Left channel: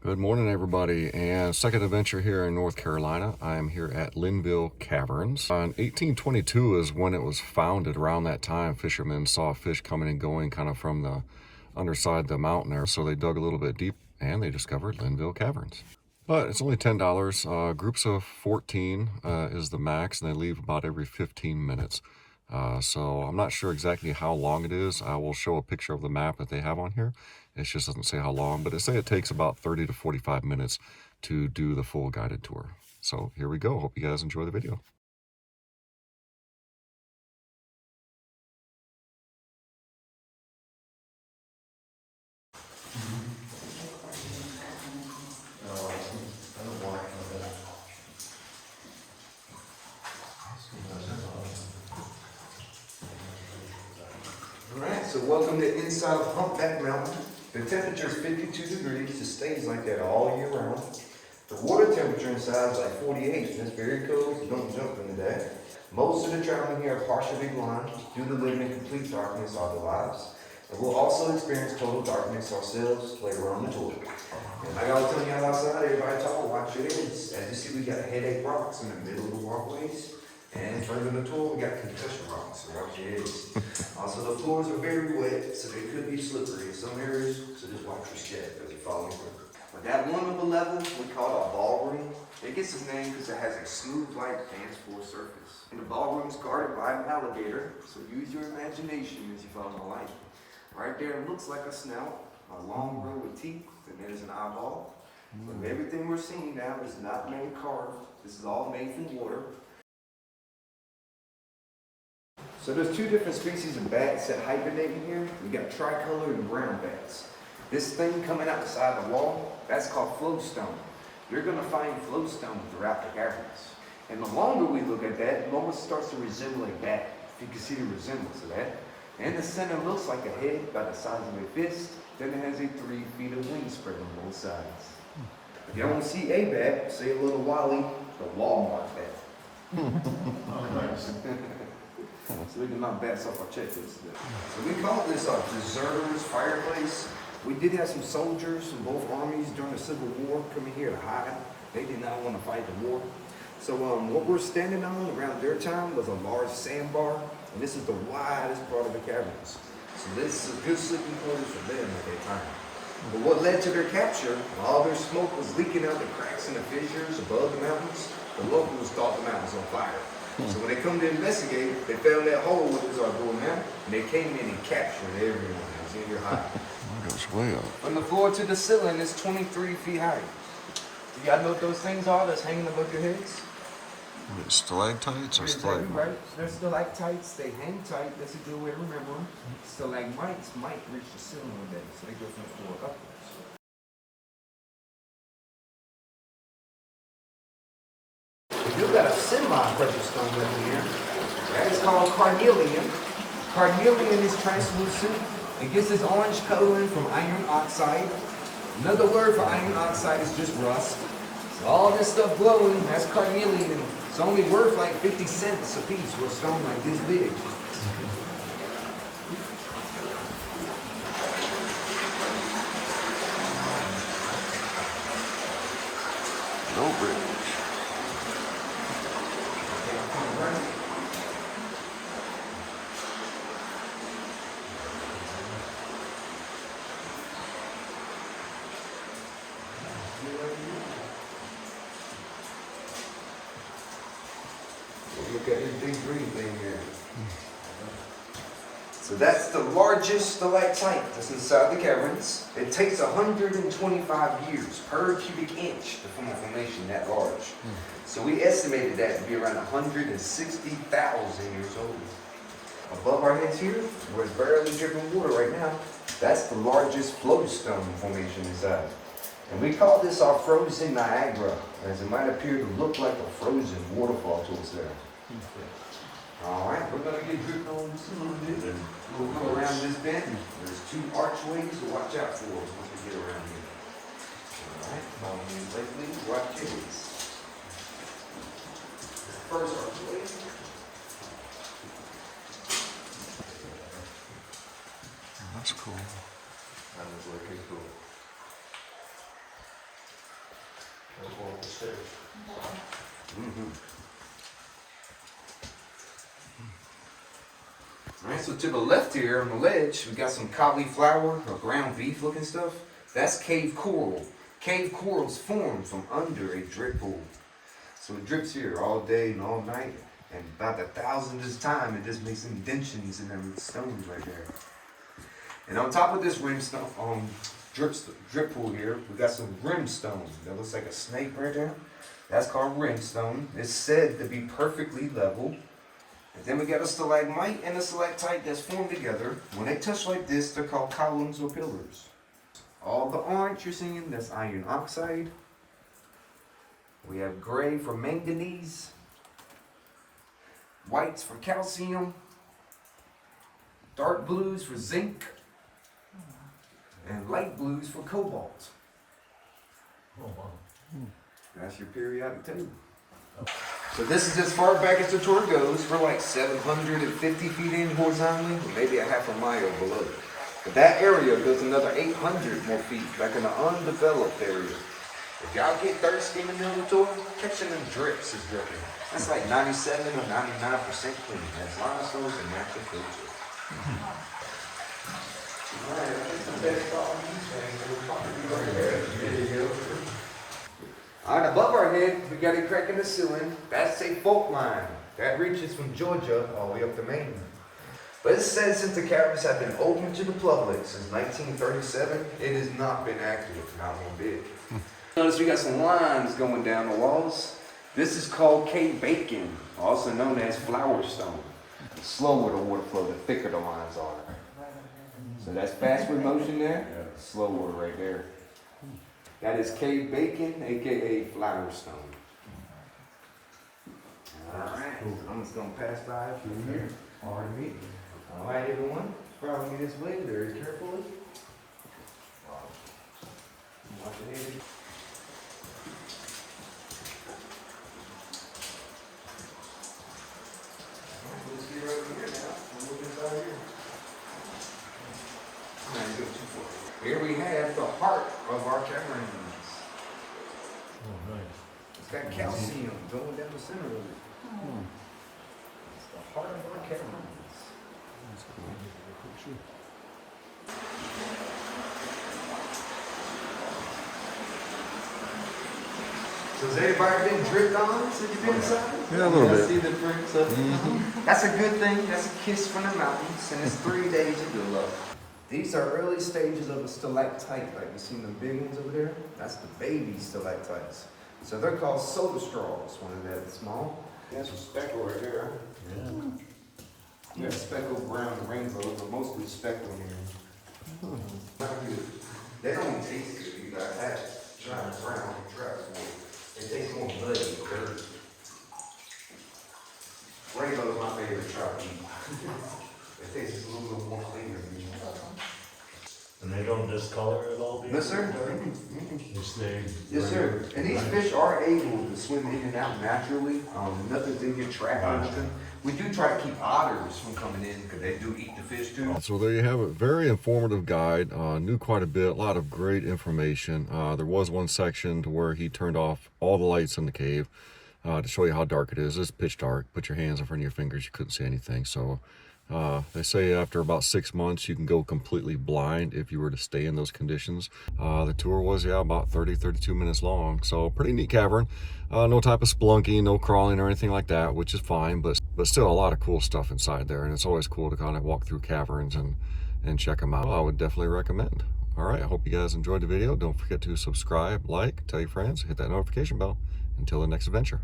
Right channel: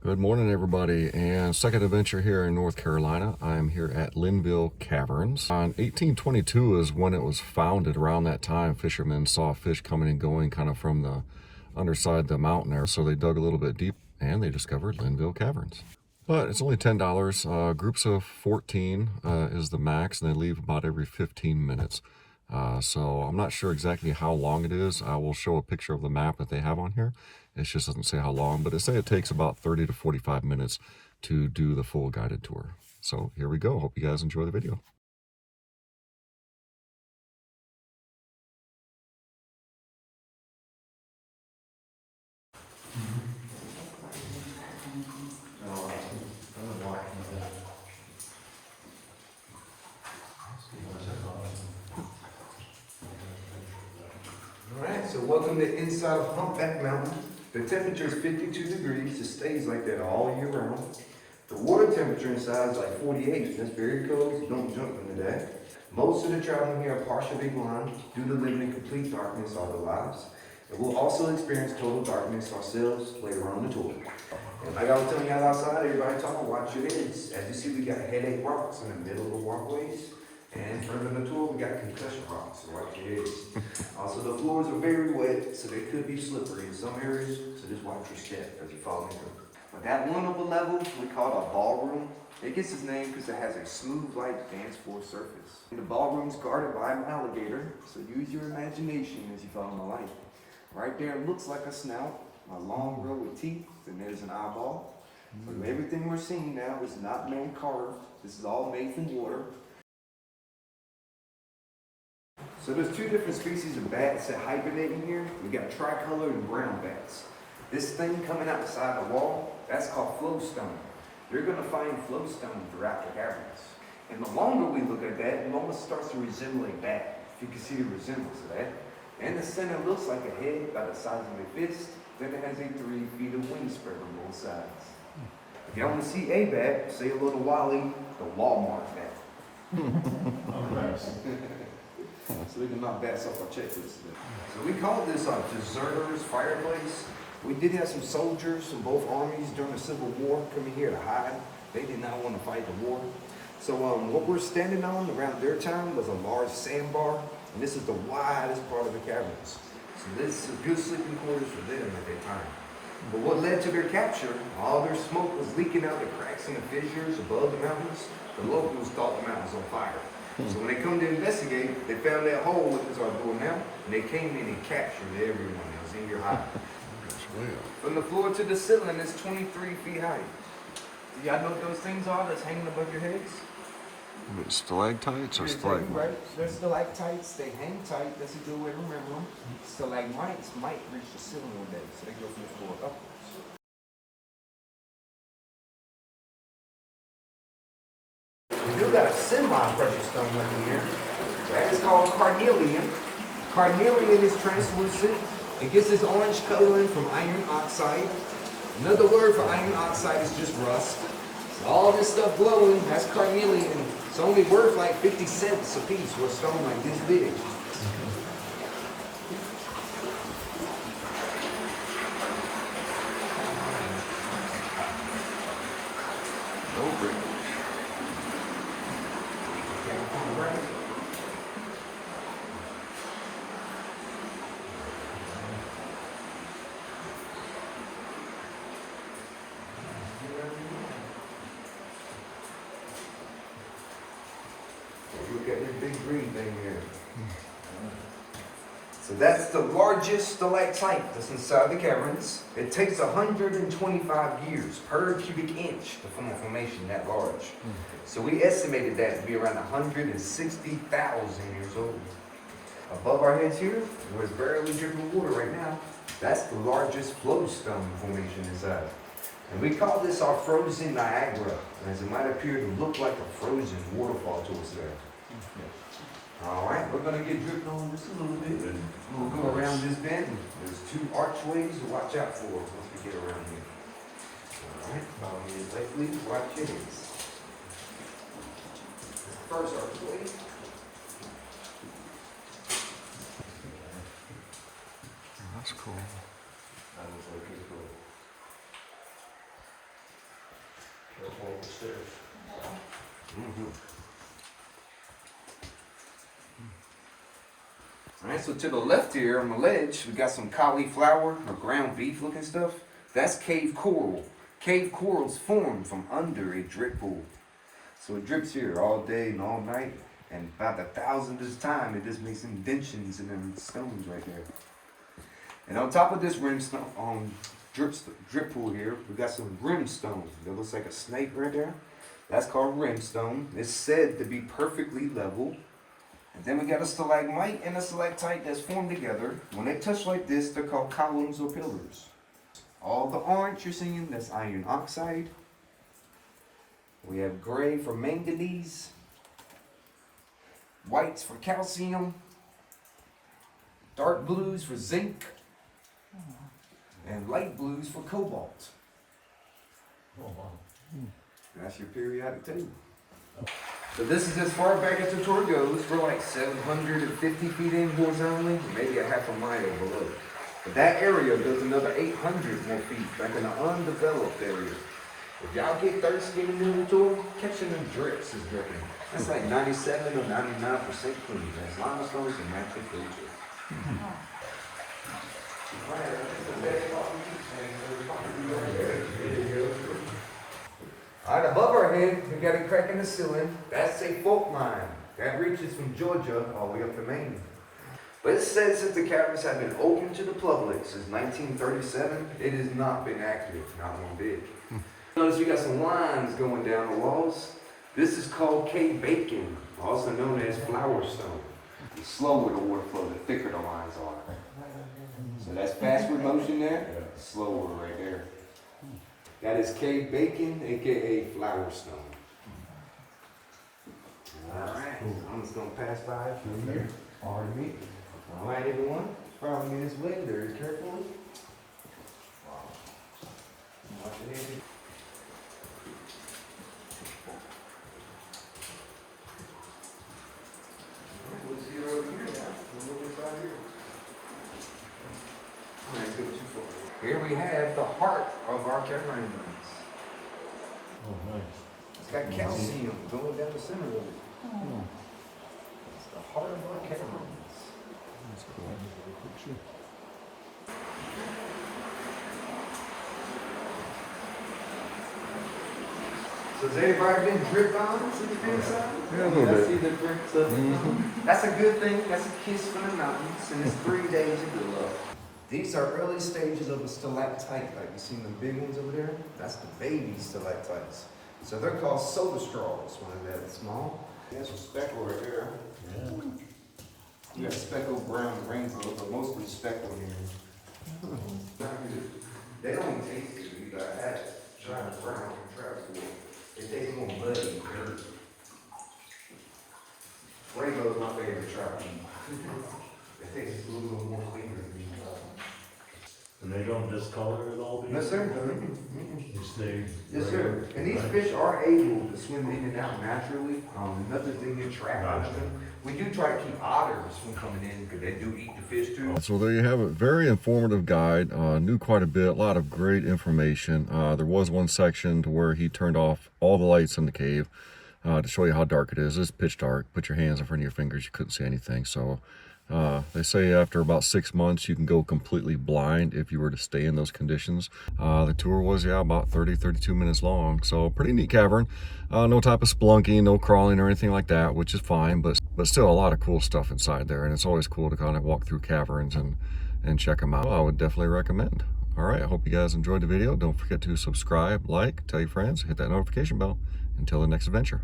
Good morning, everybody, and second adventure here in North Carolina. I'm here at Linville Caverns. On 1822 is when it was founded. Around that time, fishermen saw fish coming and going kind of from the underside of the mountain there, so they dug a little bit deep and they discovered Linville Caverns. But it's only $10. Groups of 14 is the max, and they leave about every 15 minutes. So I'm not sure exactly how long it is. I will show a picture of the map that they have on here. It just doesn't say how long, but it say it takes about 30 to 45 minutes to do the full guided tour. So here we go. Hope you guys enjoy the video. Alright, so welcome to inside of Humpback Mountain. The temperature is 52 degrees. It stays like that all year round. The water temperature inside is like 48. That's very cold, so don't jump in the day. Most of the traveling here are partially blind due to living in complete darkness all their lives. And we'll also experience total darkness ourselves later on the tour. And like I was telling you out outside, everybody talk or watch your ears. As you see, we got headache rocks in the middle of the walkways. And further in the tour, we got concussion rocks, so watch your ears. Also, the floors are very wet, so they could be slippery in some areas, so just watch your step as you fall in. With that one upper level, we call it a ballroom. It gets its name because it has a smooth-like dance floor surface. And the ballroom is guarded by an alligator, so use your imagination as you follow my light. Right there, it looks like a snout, a long row of teeth, and there's an eyeball. But everything we're seeing now is not man carved. This is all made from water. So there's two different species of bats that hibernate in here. We got tricolor and brown bats. This thing coming out the side of the wall, that's called flowstone. You're gonna find flowstone throughout the caverns. And the longer we look at that, it almost starts to resemble a bat. If you can see the resemblance of that. And the center looks like a head about the size of your fist. Then it has a 3 feet of wingspread on both sides. If you want to see a bat, say a little Wally, the Walmart bat. So we can knock bats off our checklist today. So we call this our deserters fireplace. We did have some soldiers from both armies during the Civil War coming here to hide. They did not want to fight the war. So what we're standing on around their time was a large sandbar, and this is the widest part of the caverns. So this is a good sleeping quarters for them at their time. But what led to their capture, all their smoke was leaking out the cracks and the fissures above the mountains. The locals thought the mountain was on fire. So when they come to investigate, they found that hole, which is our door now, and they came in and captured everyone that was in your high. From the floor to the ceiling is 23 feet high. You gotta know what those things are that's hanging above your heads? Stalactites or stalagmites? Right, they're stalactites, they hang tight, that's a good way to remember them. Stalagmites might reach the ceiling one day, so they go from the floor upwards. We do got a semi-precious stone weapon here. Right? It's called Carnelian. Carnelian is translucent. It gets this orange coloring from iron oxide. Another word for iron oxide is just rust. So all this stuff glowing has carnelian. It's only worth like 50 cents a piece for a stone like this big. No brick. Look at this big green thing here. So that's the largest stalactite that's inside the caverns. It takes 125 years per cubic inch to form a formation that large. So we estimated that to be around 160,000 years old. Above our heads here, where it's barely dripping water right now, that's the largest flowstone formation inside. And we call this our frozen Niagara, as it might appear to look like a frozen waterfall to us there. All right, we're gonna get dripping on this a little bit, and we'll go around this bend. There's 2 archways to watch out for once we get around here. All right, follow me safely, watch your heads. First archway. That's cool. That is really cool. up the stairs. Alright, so to the left here on the ledge, we got some cauliflower or ground beef looking stuff. That's cave coral. Cave corals form from under a drip pool. So it drips here all day and all night. And about the 1000th time, it just makes indentions in them stones right there. And on top of this rimstone, drip pool here, we got some rimstone. That looks like a snake right there. That's called rimstone. It's said to be perfectly level. And then we got a stalagmite and a stalactite that's formed together. When they touch like this, they're called columns or pillars. All the orange you're seeing, that's iron oxide. We have gray for manganese. Whites for calcium. Dark blues for zinc. And light blues for cobalt. Oh, wow. That's your periodic table. So this is as far back as the tour goes. We're like 750 feet in horizontally, or maybe a half a mile below. But that area goes another 800 more feet back in the undeveloped area. If y'all get thirsty in the middle of the tour, catching them drips is dripping. It's like 97 or 99% clean, as long as those are natural foods. Alright, above our head, we got a crack in the ceiling. That's a fault line. That reaches from Georgia all the way up to Maine. But it says since the caverns have been open to the public since 1937, it has not been active, not one bit. Notice we got some lines going down the walls. This is called cave bacon, also known as flower stone. The slower the water flow, the thicker the lines are. So that's faster motion there, slower right there. That is cave bacon, aka flower stone. Alright, I'm just gonna pass by through here. Pardon me. Alright, everyone. Follow me this way very carefully. Watch it, Andy. Let's get over here now. We'll get by here. Alright, go too far. Here we have the heart of our caverns. Oh, nice. It's got calcium going down the center of it. It's the heart of our caverns. That's cool. So has anybody been dripped on since you've been inside? Yeah, a little bit. See the drinks up. That's a good thing. That's a kiss from the mountains, and it's 3 days of good luck. These are early stages of a stalactite, like you seen the big ones over there. That's the baby stalactites. So they're called soda straws when they're that small. That's a speckle right there. Yeah. You got speckled brown rainbows, but mostly speckled here. They don't even taste good. You gotta have it. Try it brown, try it. It tastes more muddy and dirt. Rainbow's my favorite trout. It tastes a little bit more cleaner. And they don't discolor at all, do you? No, sir. They stay. Yes, sir. And these fish are able to swim in and out naturally. Nothing's in your trap. We do try to keep otters from coming in because they do eat the fish too. So there you have it. Very informative guide. Knew quite a bit. A lot of great information. There was one section to where he turned off all the lights in the cave to show you how dark it is. It's pitch dark. Put your hands in front of your fingers. You couldn't see anything. So they say after about 6 months, you can go completely blind if you were to stay in those conditions. The tour was, about 32 minutes long. So pretty neat cavern. No type of spelunking, no crawling or anything like that, which is fine, but still a lot of cool stuff inside there. And it's always cool to kind of walk through caverns and check them out. Well, I would definitely recommend. All right, I hope you guys enjoyed the video. Don't forget to subscribe, like, tell your friends, hit that notification bell. Until the next adventure.